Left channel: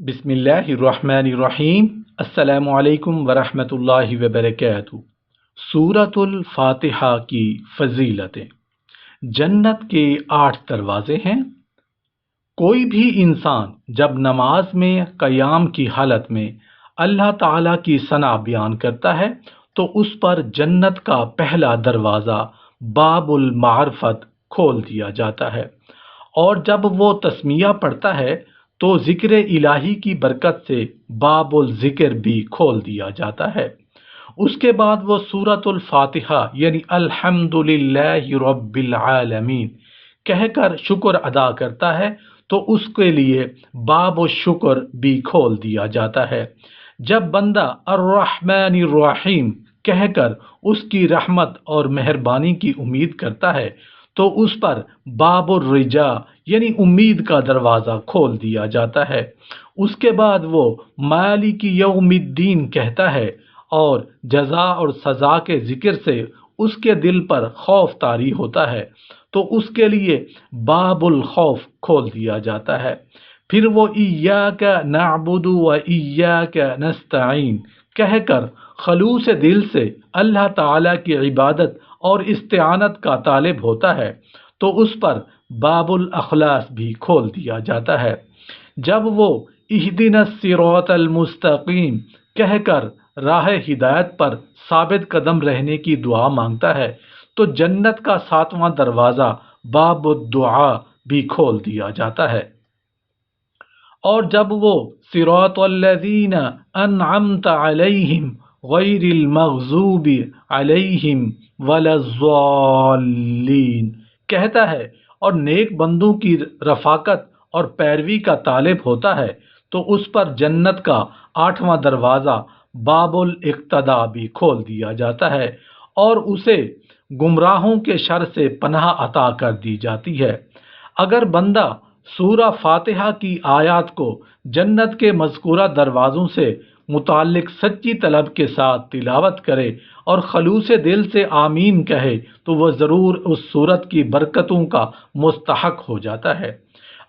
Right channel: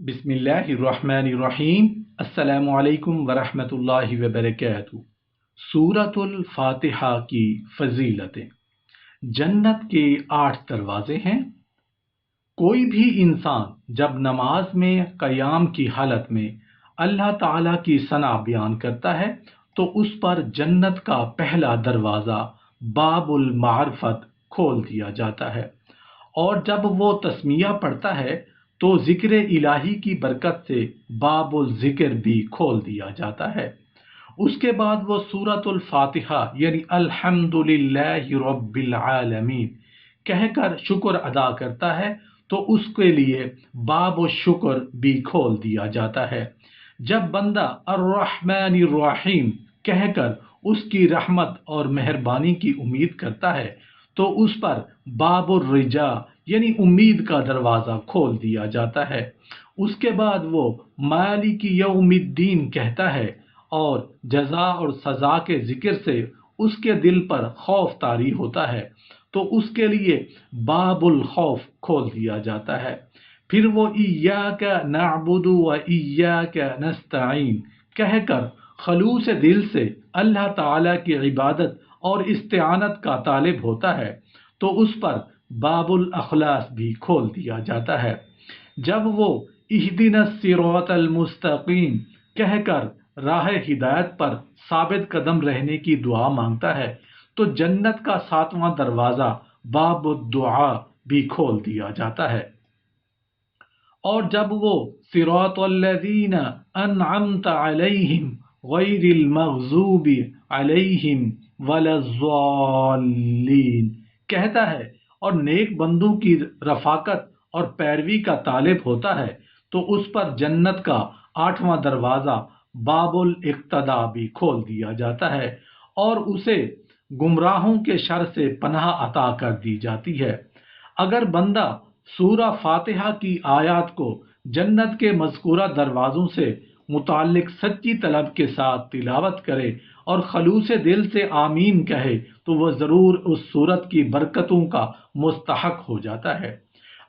بسم اللہ الرحمن الرحیم۔ السلام علیکم ورحمۃ اللہ وبرکاتہ۔ سورۃ الفاتحہ کی فضیلتیں۔ جنت کے 8 دروازے ہیں۔ کوئی بھی انسان جب نماز میں قیام کی حالت میں اللہ تعالیٰ کی ثنا بیان کرتا ہے تو اس پر جنت کا پہلا دروازہ باب المعرفت کھول دیا جاتا ہے، اور جب وہ تسمیہ پڑھتا ہے تو ذکر الہی کی برکت سے باب الذکر بھی کھول دیا جاتا ہے۔ اس کے بعد وہ سورۃ الفاتحہ یعنی الحمد للہ رب العالمین کہہ کر شکر ادا کرتا ہے تو اس کے لیے باب الشکر بھی کھول دیا جاتا ہے۔ جب بندہ الرحمن الرحیم کہہ کر اس کی رحمت اور مہربانی کی امید کرتا ہے تو اس پر باب الرجا یعنی امید کا دروازہ کھول دیا جاتا ہے۔ اس کے بعد وہ مالک یوم الدین کہتا ہے، اور جزا اور سزا کے ذکر سے اس کے دل پر خوف طاری ہوتا ہے تو اس کے لیے باب الخوف کھول دیا جاتا ہے۔ پھر وہ ایاک نعبد و ایاک نستعین کہہ کر خلوص دل سے اللہ تعالیٰ کی عبادت اور استعانت کا طالب ہوتا ہے تو اس پر باب الاخلاص بھی کھول دیا جاتا ہے۔ جب وہ اہدنا الصراط المستقیم کہہ کر راہ ہدایت پر ثابت قدم رہنے کی دعا مانگتا ہے تو جنت کا 7واں دروازہ باب الدعا بھی کھول دیا جاتا ہے۔ اور جب وہ صراط الذین انعمت علیہم غیر المغضوب علیہم ولا الضالین کہتا ہے اور نیک بندوں کی رفاقت اور پیروی کا طالب ہوتا ہے تو اس پر جنت کا 8واں دروازہ باب الاقتداء بھی کھول دیا جاتا ہے، اور اسے گمراہوں کے شر سے پناہ عطا کر دی جاتی ہے۔ اگر بندہ سورہ فاتحہ کی آیات کو جنت کے مذکورہ دروازوں سے متعلق سچی طلب کے ساتھ تلاوت کرے اور خلوص دل سے آمین کہے تو وہ ضرور اس سورت کی برکتوں کا مستحق ہو جاتا ہے۔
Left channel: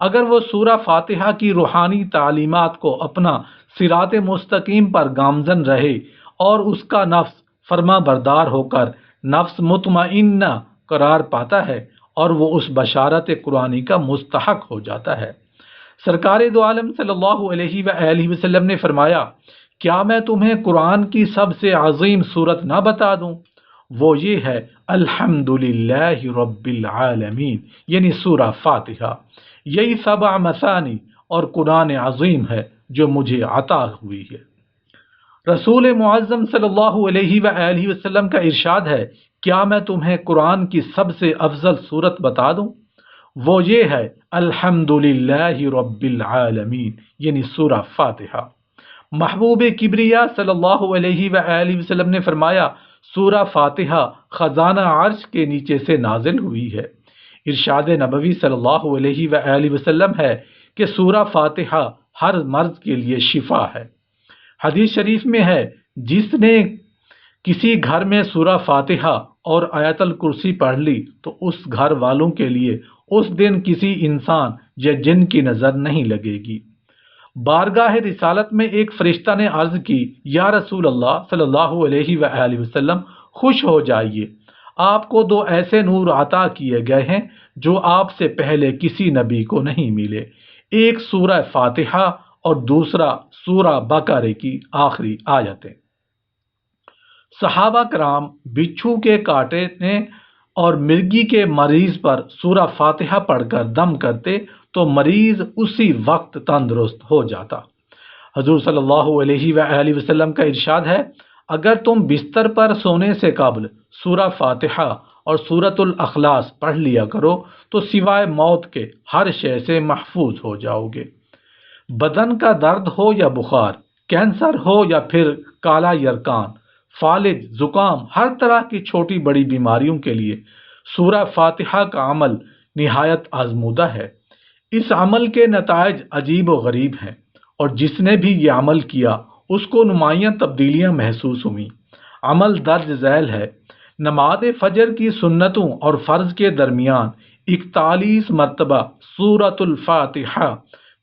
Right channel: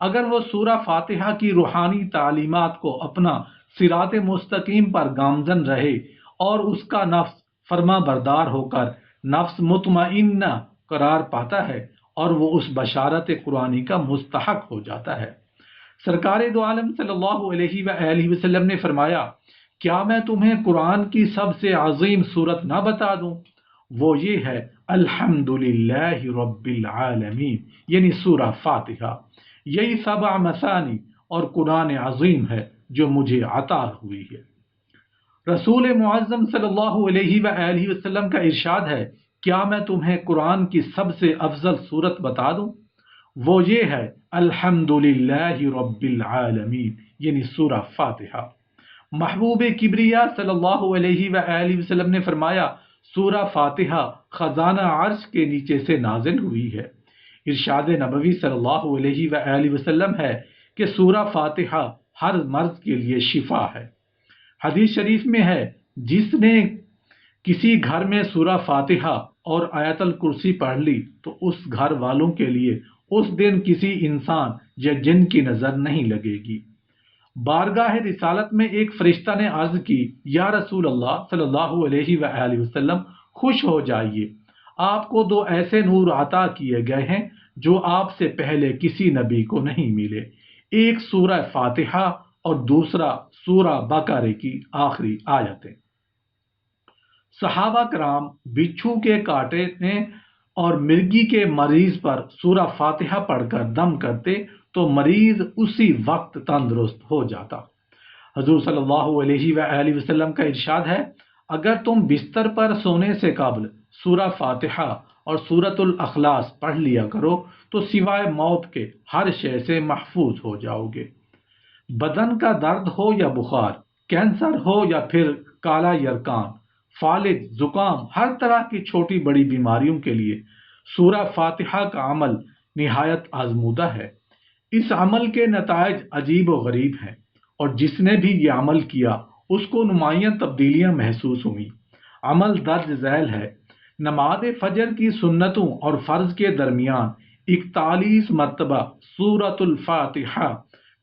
اگر وہ سورہ فاتحہ کی روحانی تعلیمات کو اپنا صراط مستقیم پر گامزن رہے اور اس کا نفس فرما بردار ہو کر نفس مطمئنہ قرار پاتا ہے اور وہ اس بشارت قرآنی کا مستحق ہو جاتا ہے۔ سرکار دو عالم صلی اللہ علیہ وآلہ وسلم نے فرمایا، کیا میں تمہیں قرآن کی سب سے عظیم صورت نہ بتا دوں؟ وہ یہ ہے الحمد للہ رب العالمین یعنی سورہ فاتحہ۔ یہی 7 مثانی اور قرآن عظیم ہے جو مجھے عطا ہوئی ہے۔ رسول معظم صلی اللہ علیہ وآلہ وسلم کا ارشاد ہے، کیا میں تمہیں قرآن کی سب سے افضل صورت بتا دوں؟ وہ یہ ہے الحمد للہ رب العالمین یعنی سورہ فاتحہ۔ محبوب کبریا صلی اللہ علیہ وآلہ وسلم نے فرمایا، سورہ فاتحہ خزانہ عرش کے نیچے سے نازل ہوئی ہے۔ ارشاد نبوی صلی اللہ علیہ وآلہ وسلم ہے کہ سورہ فاتحہ ہر مرض کے لیے شفا ہے۔ حدیث شریف میں ہے، جس نے کسی گھر میں سورہ فاتحہ اور آیت الکرسی پڑھ لی تو اس گھر والوں کے لیے اس دن کسی انسان یا جن کی نظر نہیں لگے گی۔ بارگاہ رسالت میں ایک فرشتہ نے عرض کی، یا رسول اللہ صلی اللہ علیہ وآلہ وسلم، خوش ہو جائیے، آپ کو 2 ایسے نور عطا کیے گئے ہیں جو آپ سے پہلے کسی نبی کو نہیں ملے، ایک سورہ فاتحہ اور دوسرا سورہ بقرہ کی آخری آیتیں۔ صحابہ کرام بچھو کے کاٹنے اور مرگی کے مریض پر سورہ فاتحہ پڑھ کر دم کرتے تو مریض اسی وقت تندرست ہو جاتا۔ حضور صلی اللہ علیہ وآلہ وسلم کا ارشاد ہے، اگر تم بستر پر سونے سے قبل سورہ فاتحہ اور سورۃ الاخلاص پڑھ لیا کرو تو سوائے موت کے ہر شے سے محفوظ ہو جاؤ گے۔ بدن کا درد ہو یا بخار، کینسر ہو یا پھر کالا یرکان، فالج، زکام، ہر طرح کی چھوٹی بڑی بیماریوں کے لیے سورہ فاتحہ کا عمل نہایت آزمودہ ہے۔ اس عمل کے نتائج عجیب و غریب ہیں، اور جس نے بھی یہ عمل کیا اس کو نمایاں تبدیلیاں محسوس ہوئیں۔ عمل درج ذیل ہے۔ نماز فجر کی سنتوں اور فرض کے درمیان 41 مرتبہ سورۃ الفاتحہ